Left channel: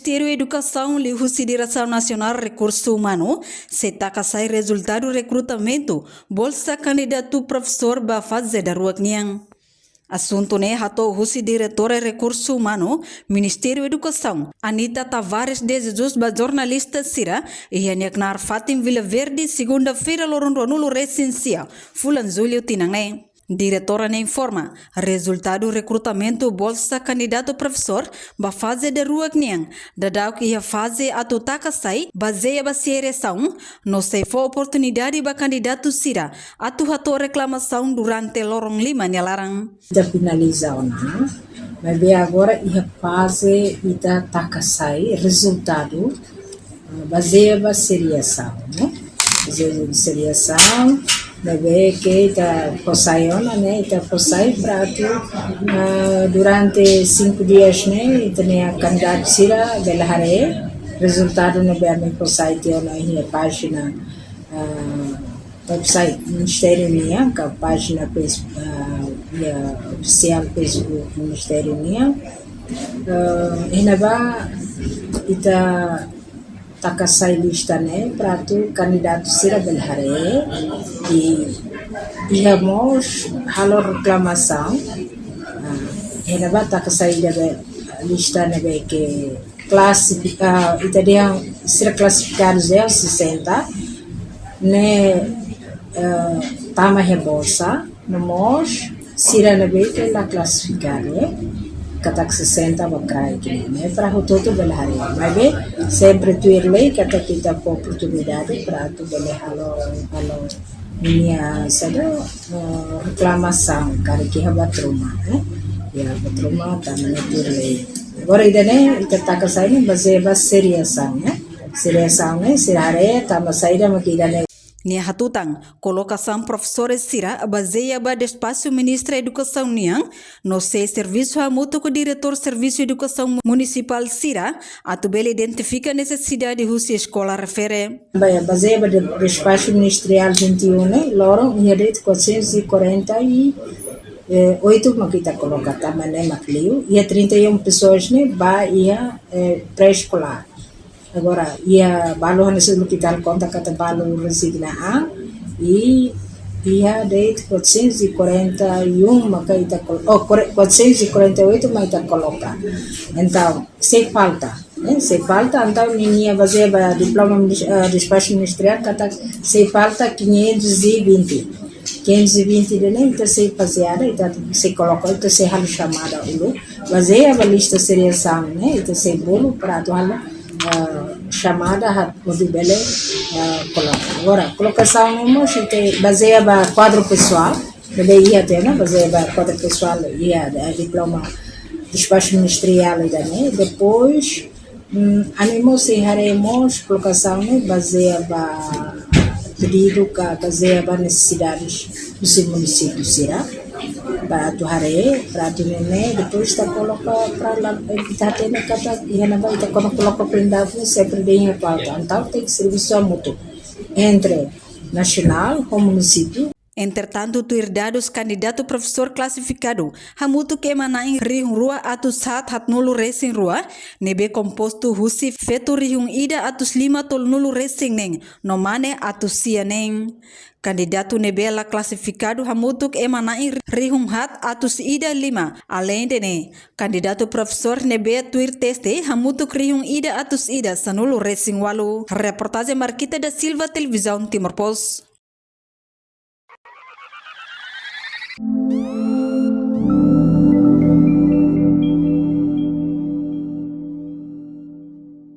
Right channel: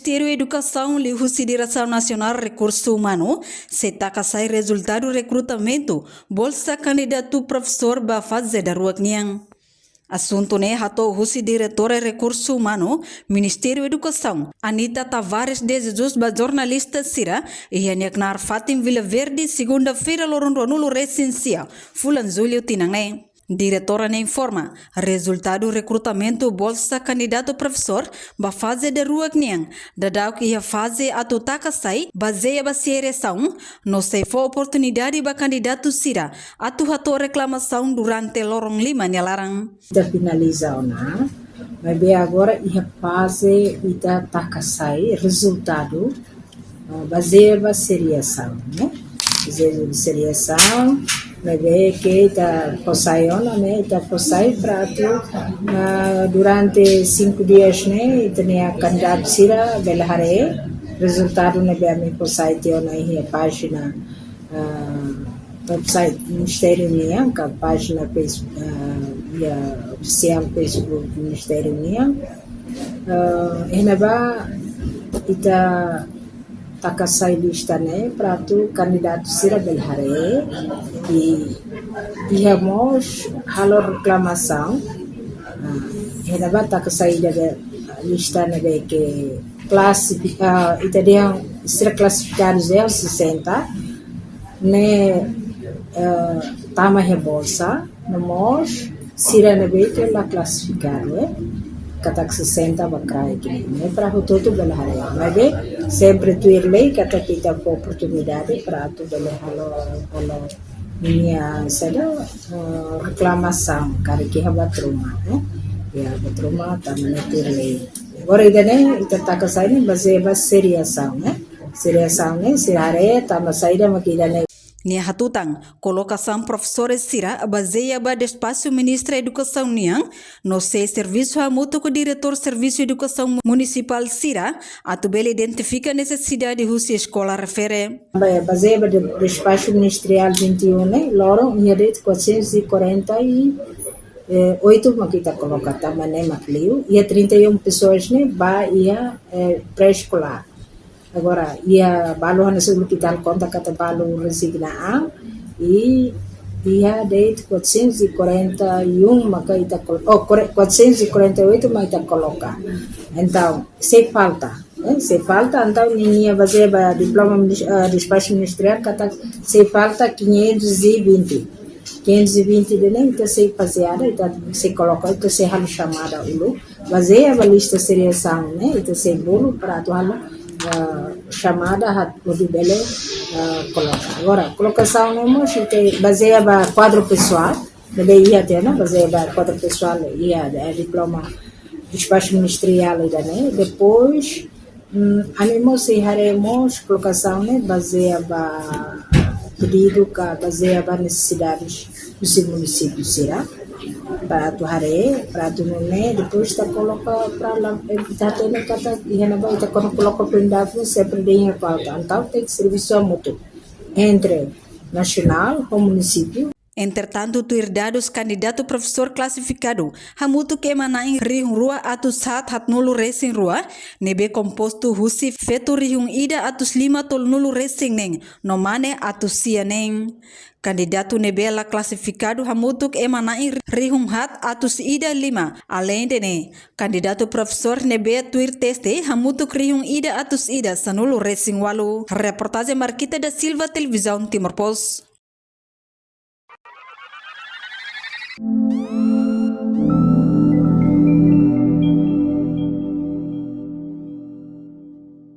Ministério da Educação e Consideração Nacional Recurso Humano se taca sai resultado do recrutamento bolsa candidato professor ba fazer da rua Niang. Assunto ne hatou o diretor de Recurso Humano, Ministério da Educação, Anita Tavares de Jesus, ba jornalista Sira, e Yaneknar Fatim Vila Verde, segunda-feira, Lorondo Nulo Recensia, Fulan Zulio Tinangé. Diretora ne informa, resultado do recrutamento bolsa candidato professor ba fase de rua Niang, dadau que a fase atutaka sai, baseia ba seleção, no sei for oportunidade ba candidato Sira, atu reclamação durante lorong lima nyalarang. Já finalizou, né? Mas agora a fase ita taka sai, resultado baseia ba seleção, né? Baseia ba seleção, bebe que ita posaiona, né? Ita posai para durante 5 dias, né? Ita ne candidato Sira belahare, resultado ne bebe posai tiona a página website Ministério Niang, a página oficial Facebook do Ministério Niang. Inaba ita takasai lista né para tu candidato Sira belhare e íamos halo reclamação. Inaba takasai da lista né que classificar itaria Sira classificados 60 né tama bolsa nós Sira nabe que la classificar né katak 60 bakrai né para o todo belhare mas sempre tu irlei kata kita po oportunidade para tu belhalo minha sada reclamação cara que batruma né ya batruma também tu irlei agora idane ita takasai baseia seriação né seriação né sirare tama saída makilale. Nia hatutang, colocação professores Sira baseia ba despaço Ministra da Educação Niang, no sei serviço a mútuo com diretor Serviço de Educação Municipal Sira, atubele identifica a necessidade de a escola refere. Baseia ba despaço ministerial 21, né? Loro, ia de 448 makita coloca também né macliu, ia 31 pessoas né, ba ia pré-escolar. Agora, ia balu hanya sebelum kita conta kata balu resignaan e ia de 441 maka kita 448 maka kita coloca. Então, se falta, né? Se falta, então ninguém vai fazer diploma despacho ministerial kata se falta 520 né? Então se fazia, então se coloca, então se hal chamada ulo, fazer a lista seriação, né? Então se bolo para atuar chamada hat modibele coloca. Agora, colocação mesmo, baseia ba quadro pessoal, bebe ia ter, né? Baseia ba quadro pessoal, ia diploma despacho ministerial, né? Depois, animos e haremos colocação, né? Baseia ba pedido que baseia ba necessidades do seu município, será? Para tu hare, para tu nene, depois está coloca para lá, kita tene kata, ia na vai, kita coloca prendado sempre bem a pauta. Então tem que serviço mútuo entre nacional com município. Entretanto, tu dados candidato professor classificado, hamutu que emanain rihung rua atus hat nulu racing rua, nebe composto husi fetu rihung ida atus 5 tol nulu racing neng, nomane atus sia neng. Candidato nebela classificado hamutuk emanain rihung hat atus ida 5. Além de ne, candidato professor nebe tuir teste hamutuk rihung ida atus ida sanulu racing walu. Reportagem Marquita da Silva, Televisão Timor Post.